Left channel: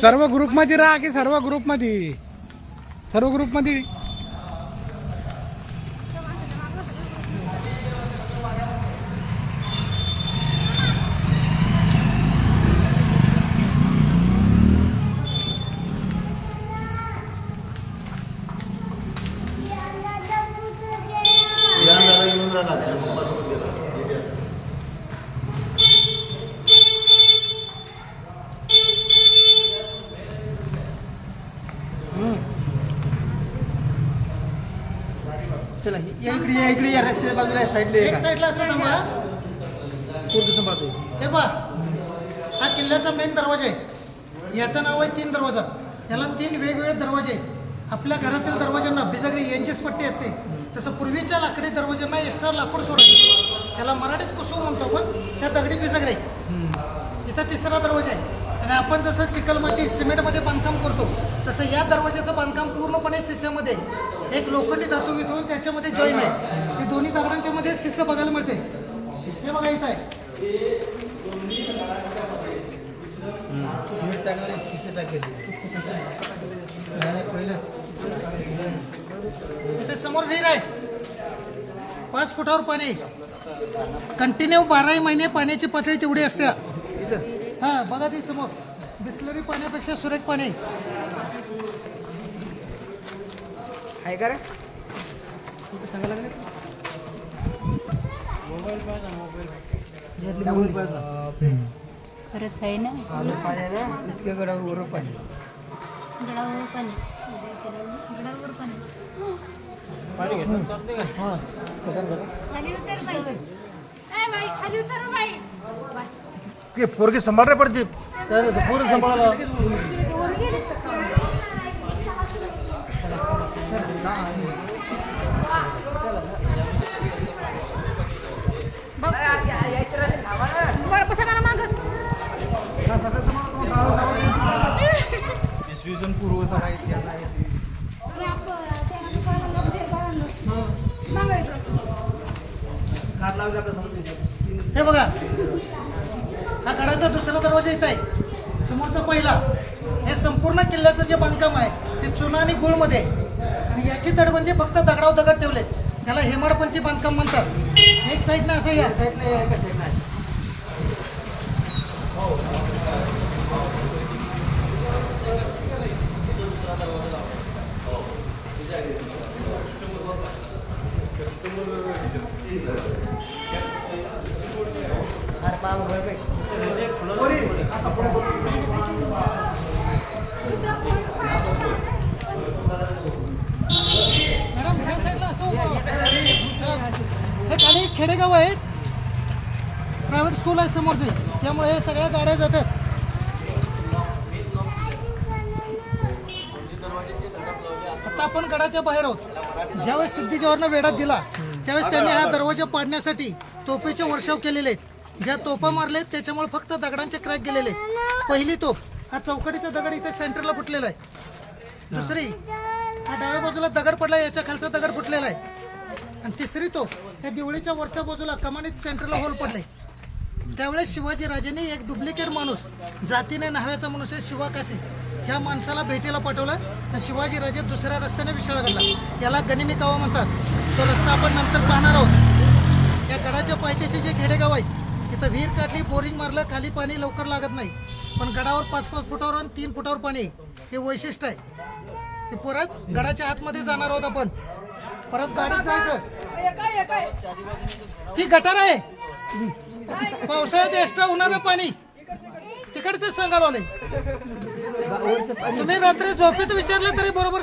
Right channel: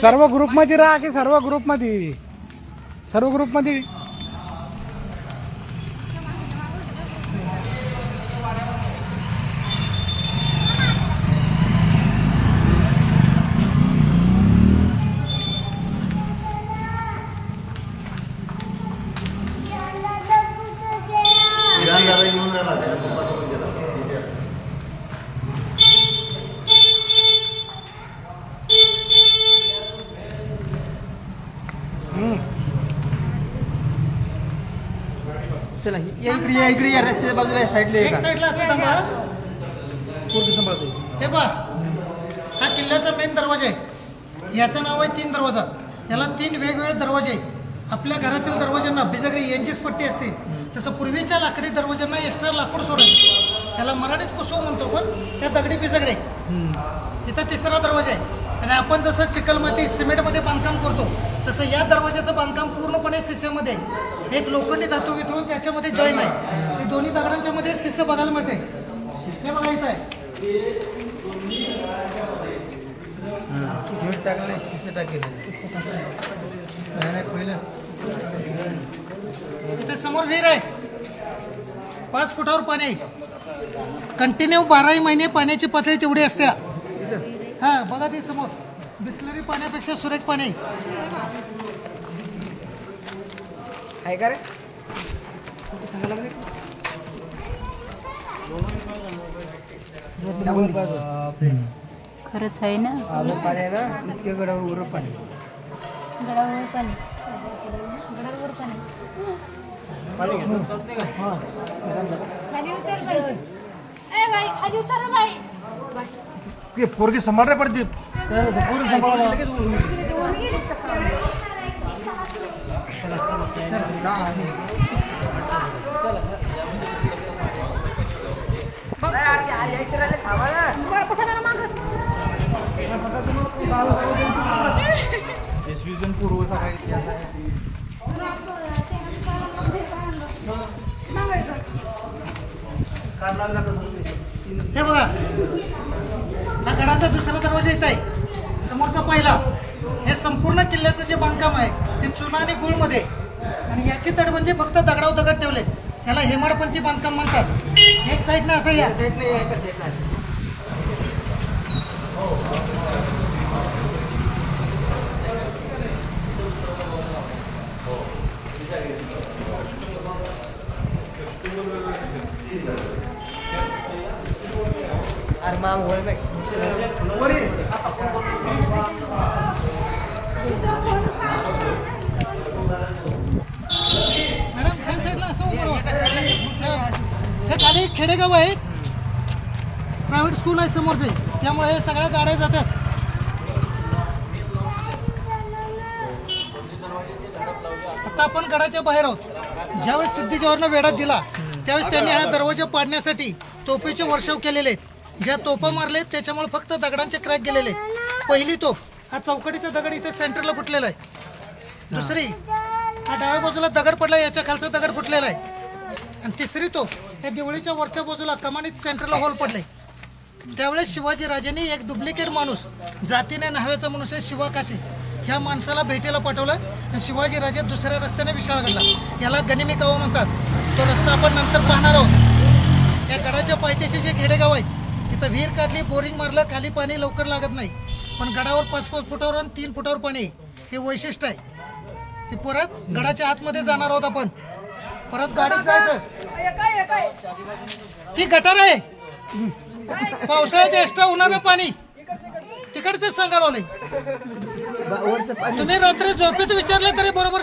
सर्व ग्रुप मध्ये राहा की सर्व ग्रुप मध्ये चला इकडे या रस्त्याच्या बाजूला साईडला असं थांबा. पोरगी सांभाळते. हे पहा, हा किल्ल्याचा मेन दरवाजा आहे. याचं नाव आहे 3 दरवाजा. याला 3 वेगवेगळे दरवाजे आहेत. आपल्या घरातील दरवाज्यांना बिजागरी यांचीच पट्टी असते, तसं पूर्वीच्या लाकडी दरवाज्यांना एक्स्ट्रा लाकूड सोडायचं. त्याला मराठीत कुसो म्हणतो आपण, त्या दगडी बिजागरी. इथं 3रा दरवाजा आहे. आणि आपण जसं चिखलमाती सिमेंटमध्ये बांधकाम करतो तसं या दरवाजाचं बांधकाम पूर्णपणे शिस्यामध्ये. एक लोखंडी धातू वितळून त्याच्यामध्ये जॉईन आहे. ते दोन्ही दगडांच्या मध्ये शिस्य बघायला मिळते. शिस्य बघा इथं आहे. इथे समोर विहीर आहे. 5 फुटावर पाणी आहे. कंटिन्यू 12 महिने पाण्याची पातळी तेवढी असते. हा बघा ती समोर बिस्लरी पाण्यापेक्षा सुरेख पाणी आहे का रे. खरंच आहे ना. पाणी आहे ना, इतक्या गडावर पाणी. गडावर पाणी. ये पोरगी सांभाळा पडते. पोरगी सांभाळा. हे बघा, हा गडाचा 2रा दरवाजा इथं आहे. समोरचा पहिला. हे संपूर्ण किल्ल्याचं जे बांधकाम आहे ते चुना आणि गुळमध्ये. आणि याची तटबंदी फक्त दगडावर दगड ठेवलेत. त्याला हेमाडपंथी बांधकाम म्हणतात. एक साईडनं असं या. मॅडम ह्या साईडला असं हे खाली खेडेगाव आहे. प्रायव्हेट स्कूल आहे समोरचे, त्यामुळे हे सगळ्या गाड्या जातात. आता आपण गडाच्या बाहेर आहोत. ज्यावेळेस सिद्धी वेढा दिला त्यावेळेस त्यांनी हा दरवाजा पाडण्यासाठी तोफेचे वर्षाव केलेले आहेत. ज्या तोफा मारलेत त्याच्यामुळे फक्त दगडांचे क्रॅक गेलेले आहेत. पहिली तोफ हा चौकडीचा दगड इथे सेंटरला फुटलेला आहे. दुसरी हा डाव्या बाजूला दगड पडला, याच्या खालचा दगड फुटलेला आहे. आणि 3री तोफ ह्या देवळीच्या वरच्या बाजूला कमानीत सेंटरला होल पडले. त्यावेळेस शिवाजी राजांनी एक डुप्लिकेट माणूस, जातीने न्हाव्याचा मनुष्य शिवाकाशी, ह्या माणसाला भेटीला पाठवलं. आणि शिवाजी राजे 2ऱ्या रस्त्याने विशाळ घडला. याला गनिमी कावा म्हणतात. तो रस्ता आपण नंतर पाहणार आहोत. या गडाच्या पायथ्याशी जे खेडेगाव आहेत तिथं विहीर काढली, बोरिंग मारलं, खाली पाणी लवकर लागत नाही. पण गडावर 5-5 फुटावर आणि 3 फुटावर पाणी, हे वैशिष्ट्य आहे. हे परत गडाच्या आतमध्ये जाणार आहोत आपण. परत गाडीत जायचं. ती गटार आहे. पावसाळ्यात एक्स्ट्रा होणारं पाणी तिकडचं सांगायला. तुम्ही रात्री झोपेत विचारलं तरी बरोबर